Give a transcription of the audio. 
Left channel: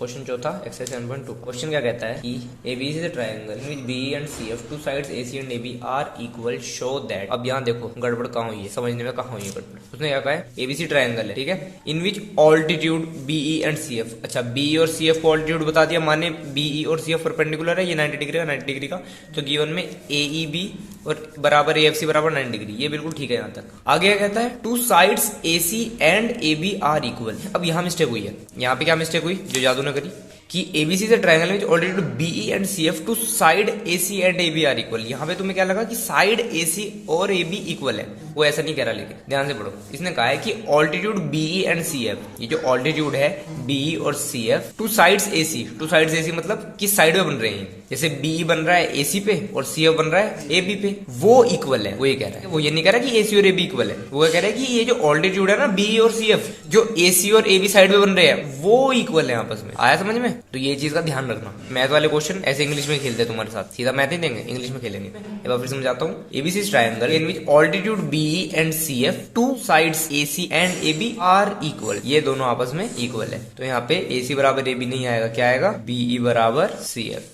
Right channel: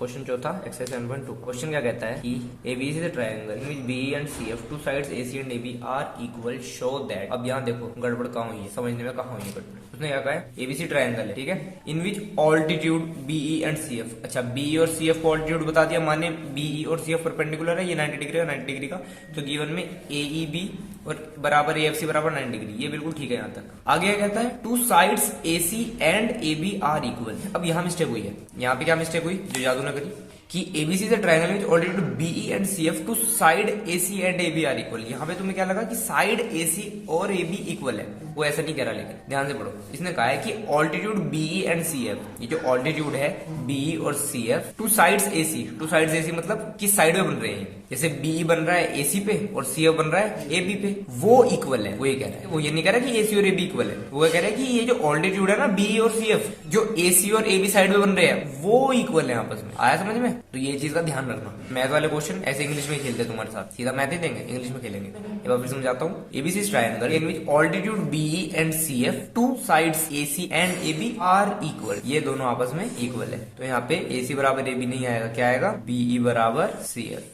Question चौथा exercise 7.2 question क्या कहता है कि ABC is a triangle in which B and C F two sides AC and AB are equal show that. अब यहाँ देखो गड़बड़ कहाँ हुई है, समझने में कहाँ हुई है गड़बड़। उसने क्या कहा है एबीसी ट्रायंगल है, ठीक है, in which altitude BE and C F. अच्छा बीई और सी एफ को ऑल्टीट्यूड बता दिया, माने बीई और सी एफ परपेंडिकुलर है, ये 90 डिग्री का 90 डिग्री का, तो गिवन में ए बी और बराबर ए एफ सी बराबर 90 डिग्री, ये बिल्कुल ठीक है। यहाँ तक आगे क्या कहता है two sides A C and A B are equal. अब यहाँ मिस्टेक हुई है, यहाँ पे क्या मिस्टेक हुई जो जादू ने करी कि ABC is a triangle which altitude BE and CF two side AC and AB are equal. यहाँ पे तुम्हें क्या लगा कि साइड एसी और एबी इक्वल है, वो ऐसा नहीं कह रहा, लेकिन ध्यान से पढ़ो। इसने कहा है कि ऑल्टीट्यूड बीई एंड सीएफ, ये जो ऑल्टीट्यूड है बीई और CF two sides AC, to sides AC मतलब किस साइड में बन रहे हैं, जैसे बीई बन रहा है एसी पे और सीएफ बन रहा है एबी पे, वो इक्वल है। वो ये कह रहा है, वो ये नहीं कह रहा कि एसी और एबी इक्वल है, वो कह रहा है कि ये जो ऑल्टीट्यूड है ना बीई और सीएफ जो एसी और एबी साइड में बन रहे हैं वो इक्वल है आपस में। आया समझ में? तो ये चीज का ध्यान रखना। मैथ वाले क्वेश्चन ऐसे इंग्लिश में खेलते हैं तुम्हारे साथ, सीधा मैथ ही देंगे, इंग्लिश में खेलेंगे। एक बार फिर समझाता हूँ। ABC triangle in which altitude BE and CF two sides AC and AB are equal, ये दोनों आपस में इक्वल है। तो यहाँ पे एसी बराबर एबी नहीं आएगा, क्या आएगा बीई बराबर सीएफ।